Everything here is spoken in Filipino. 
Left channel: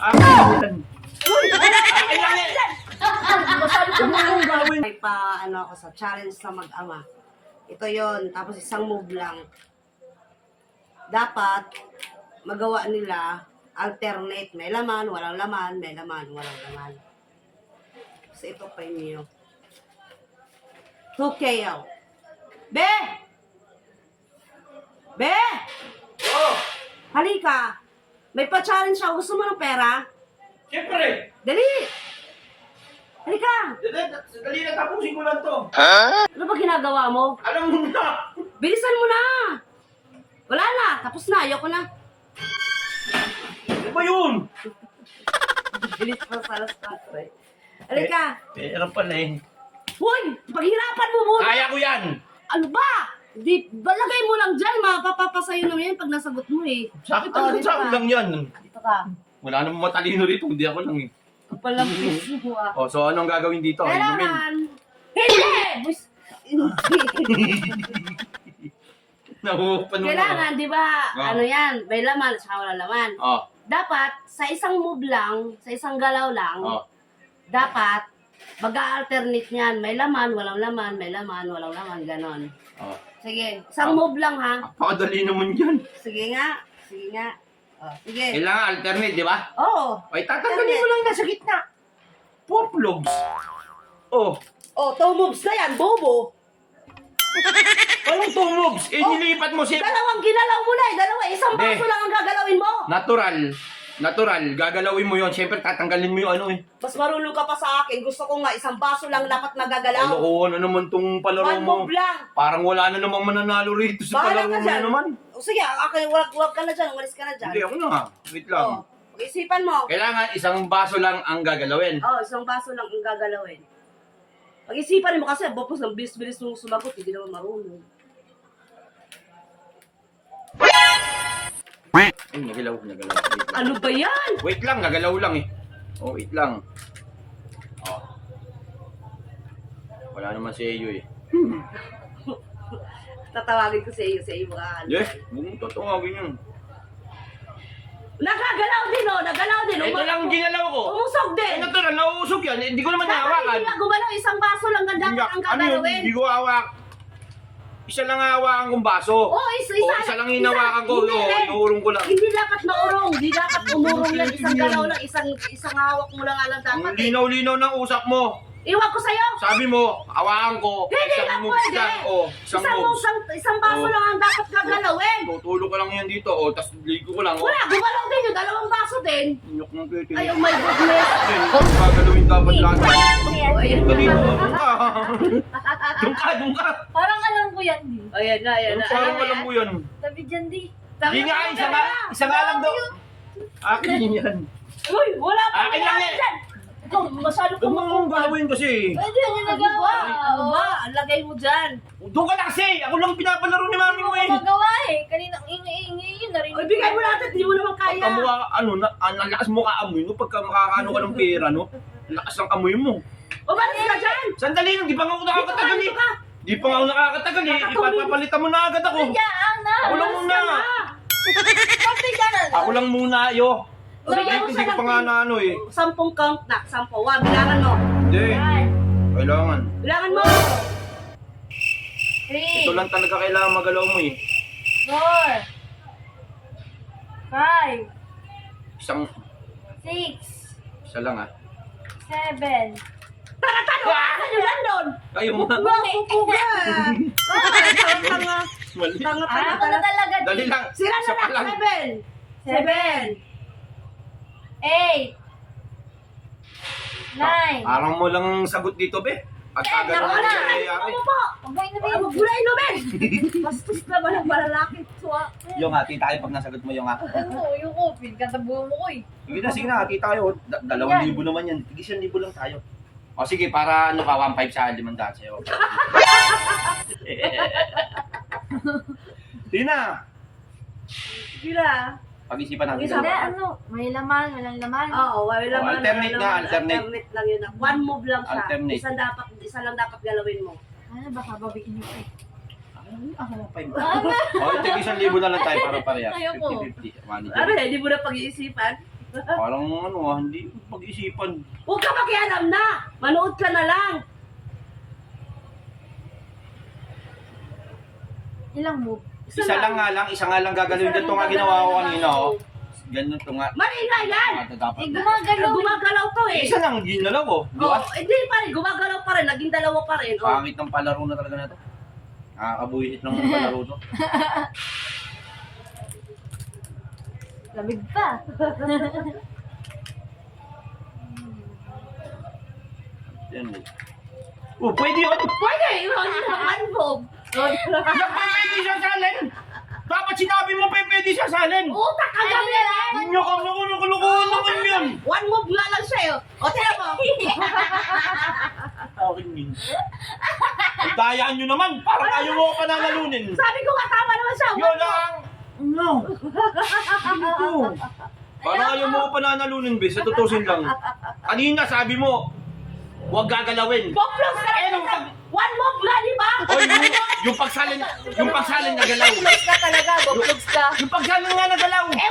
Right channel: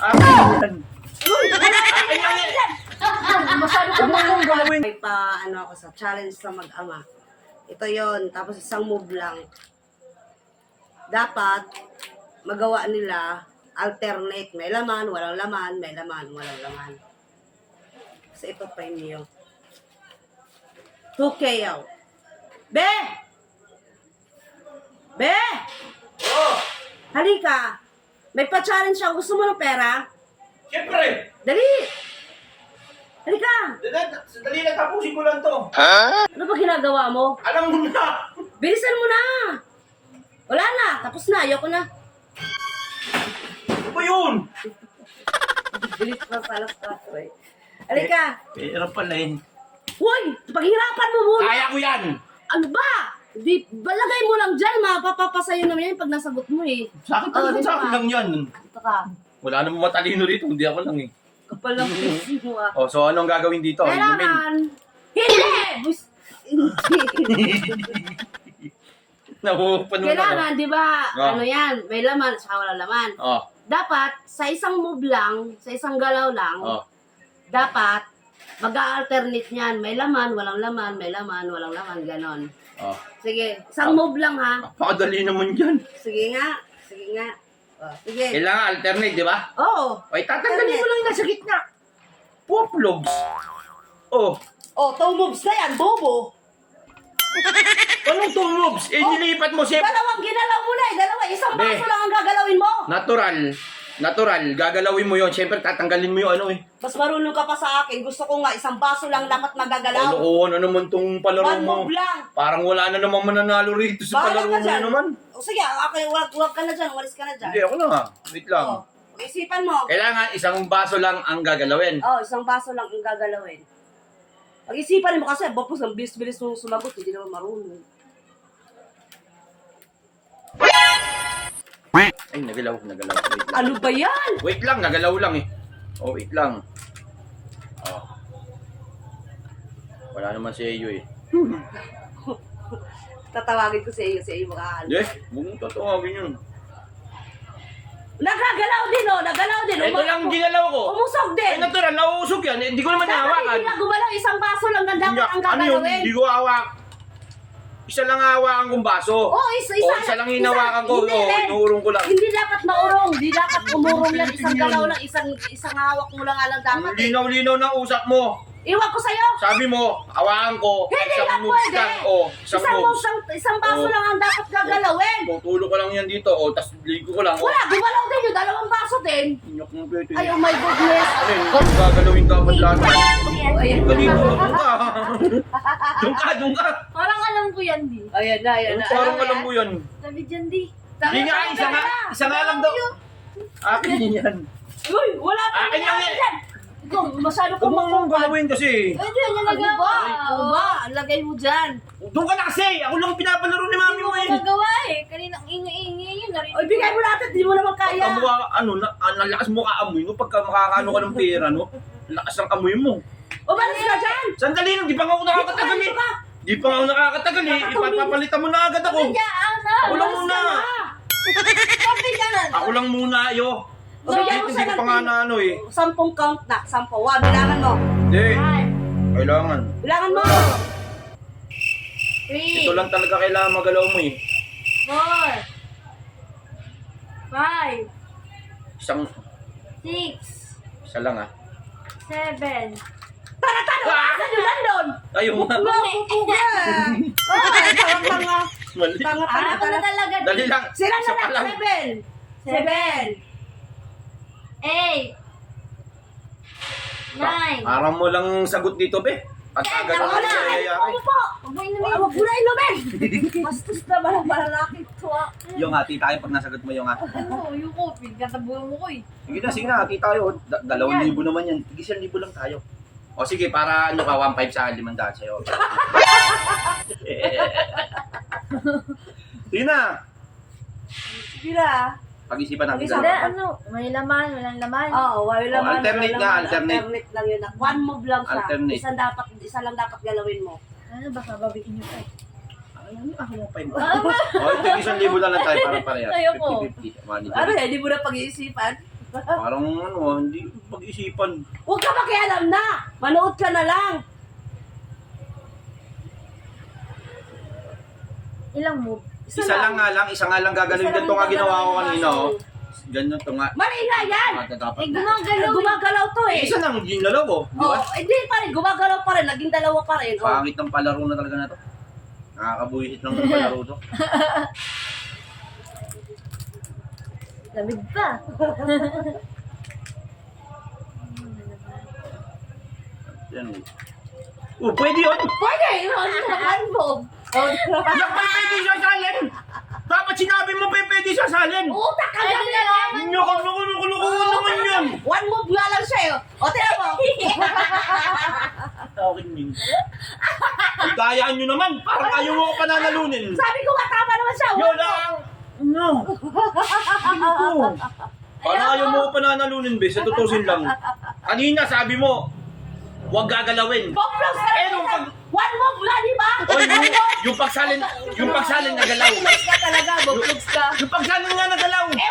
Akin yan. May pa ano ako sa challenge sa mag-ama. Ito yon. Tapos isang move lang. Dapat magawa nila alternate. May laman, walang laman, may laman, walang laman. Kasi ito premium. 2K yaw. Be! Be! Halika. May pa-challenge ako. Gusto mo ng pera? Siyempre! Dali! Halika! Dali lang, tapusin ko lang to. Ano ba ginagawa mo? Alam mo na! Bilisan mo na! Wala na! Tapos na! Ayoko na! Ano ba yun? Bilis pa sa alas 4 eh. Halika! Ano pala eh. Hoy! Paghirapan mo muna! Kaya ko yan! Ano ba? Di, balagay mo lang dyan. Mapapasayo naman yan pag nasagot mo eh. Sa akin Oh, talaga, dito sa akin ka. lang yan. Dito ka. Wala namang matalino rito, hindi ako lang eh. Kapal ng face mo ah. Oh, so anong gagawin dito? Inumin. Kailangan! Hindi! Nahupan mo na. Kailangan, di ba? Oh. Ano yan? May laman at saka walang laman. Oh, Dapat, sa isang move lang, sa isang galaw lang, oh. dapat, mag-alternate niyan. May laman, walang laman, may laman, walang laman, ganon. Oh. Sige, isang move lang ha. Napakadali naman yan. Sige nga, sige nga. Oh, sige. Kailangan alternate, di ba? Oo. Ay, tatanggalin mo lang yung nasa gitna. Poplogs. Oh, Oh, 2 moves na yan, bobo. anong 2 moves? Eh, nilipat mo siya. Dalawang ginalaw mo na eh, dalawa. Isang Be. paso lang ang gagalawin mo. Natural. Gagalawin mo yon. Siyempre, tatanggalin mo yung ano eh. Mas marunong ka pa sa akin. Gusto ko nga, isang baso lang dapat magagalaw. Ano naman tong palaro One mo? move lang. Parang wala na namang mananalo rito sa Bahala palaro ka mo dyan. na naman. O sige, okay, wag ka na dyan. Umalis ka na dyan. Hindi, ako na nga. Wait lang. Oh, pag-isipan mo. Kailangan isang baso lang ang gagalawin. Oh, isang baso lang ang gagalawin. Pag-isipan mo kasi, bopos ang bilis-bilis mong sumagot, hindi naman marunong. Ay, nagalaw. Wait lang. Ano ba yan? Wait lang, nagalaw lang eh. Oh, wait lang. Oh. Wala naman si Eyo eh. Tatawagin ko sa iyo makakalo. Hindi, huwag mong tatawagin yun. Nagagalaw din oh, nagalaw din. Ito lang ginalaw ko. Umusog Ay, din. natural, nauusog yan. Hindi ko naman Dapat nahawakan. hindi na gumalaw, isang baso lang na dapat ang Ano yun? gagalawin. Hindi ko hawak. Isa lang hawakan kong baso. Oh, isa Isa lang hinawakan ko. Hindi, Oh, Len. inuurong ko lang. Hindi dapat maurong, hindi dapat umurong yan, isang galaw lang, isang hawak mo lang alam Ang dapat. Eh. linaw-linaw ng usap mo. Iwan ko sa'yo. Sabi mo, hawakan ko. Hindi isang na moves pwede. lang. Oh, isang moves. Isang baso Oh. lang ang dapat gagalawin. Tutulo ko lang yan dito. Oh, tas ligo ko lang. Oh. Wala, gumalaw din yung dalawang baso din. Inyok ng pwede. Ay, oh my goodness. Ano gagalawin dapat lahat? Oh, ayan Dito, na. doon ka. Doon ka. Parang alam ko yan, di. Ayan na, ayan na. Parang alam mo yan. Sabi dyan, di. Hindi nga, isa nga lang daw. Akin yan. Uy, wala pa. Akin lang yan. Ikaw, masyado ka Huwag mong galawin kasi. Pwede yan Ano nagawa. ba? Ano ba? Ang lagay mo dyan. Doon ka na kasi. Ako lang pinapalaro ni mami mo eh. Magawa eh. Kanina ang ingay-ingay yun. Narinig O, ibigay mo natin, di mo naman Pagka kaya. mukha, ang lakas mo kaamoy mo pagka makakaano ka ng pera, no? Ang lakas ng amoy mo. Umalis ka dyan. Sandali lang, di pa nga ako nakakatagal eh. Dito ka. Di pa nga ako nakakatagal eh. Ipapalitan mo na agad ako. Diyan na. Ako lang Umalis muna. ka na. Bakit dyan? Ako lang muna, yo. O, bigyan mo Hindi siya ko ng pa nga na ano eh. 10 count na. 10. Wa, bilangan mo. Hindi. Kailangan. Bilangan mo. 3, Ito lang talaga kailangan magalaw mo eh. 4, 5, Isang, 6, isa lang ah. 7. Tara-tara, asan yung London? Ayaw mo. Mapupuga. Tanga-tanga. Mali. Tanga-tanga Ako na talaga, di. Dali lang. Sila Isa pa na lang. 7. 8, 9. Parang mo lang sagot dito, be. Pagka ganun Wala. ang nangyayari. Ano po? Huwag mo inumin. Huwag mo na inumin. Bastos naman ang malalaki to ah. Yung hati tayo pag nasagot mo yung hati. Oo, yung coffee. Katabuhan mo ko eh. Sige na, hati tayo. 2,000 naman yan. Tig 1,000 lang tayo. O sige, para ano ka, 1,500 sa 500 sa'yo. Sige na. Sige na. Pag-isipan natin. Pag-isipan. Hindi, dalawa. ano? May laman, walang laman. Oo, wala laman. alternate wala nga, laman. alternate. Alternate lang yun. One move lang siya. Alternate. Isa lang dapat galawin mo. Ano, baka babiin niyo pa eh. Ako mo 5. O, ito 1,000 na lang tayo para parehas. Ayoko. 50-50. Money. Ano yan, hindi mo na pag-iisipan? Parang ano hindi pag-isipan. Huwag ka makialam na. Manood ka na lang. Ilang move? Isa nga lang gagalawin Isa lang dito nga ginawa ko gagalaw kanina, yung oh. Ganun to nga. Mali nga yan. Dapat Eh, na. gumagalaw. Gumagalaw to eh. Isa lang ginalaw, oh. Di Oh, ba? hindi pa rin. Gumagalaw pa rin. Naging dalawa pa rin. Oh. Pangit ng palaro na talaga na to. Nakakabuhisit lang ng palaro to. Lamig pa. Yan eh. Oh, pwede yun! Pwede. Ano naman mo? Oh, Yan pa pwede sasalin! Dapat sinabi mo pa pwede sasalin! utak ka lang yan. Nakulukuhan naman yun! One move nga lang siya eh. O, tira mo. Akin yun. Ay, kayaan nyo naman! Parang ayaw mo ko pananalunin! Sabi ko nga tama naman siya. Yun lang! No! Ganito! Parang ayaw mo ko pananalunin, be. Sa tutusin lang. Kanina sabi mo, huwag gagalawin. Boplos ka Eh, nung pag... One move nga, di ba? Oy, yung pagsalin na galaw. Boplogs ka talaga, boplogs ka. Yung pagsalin nga na galaw. Eh,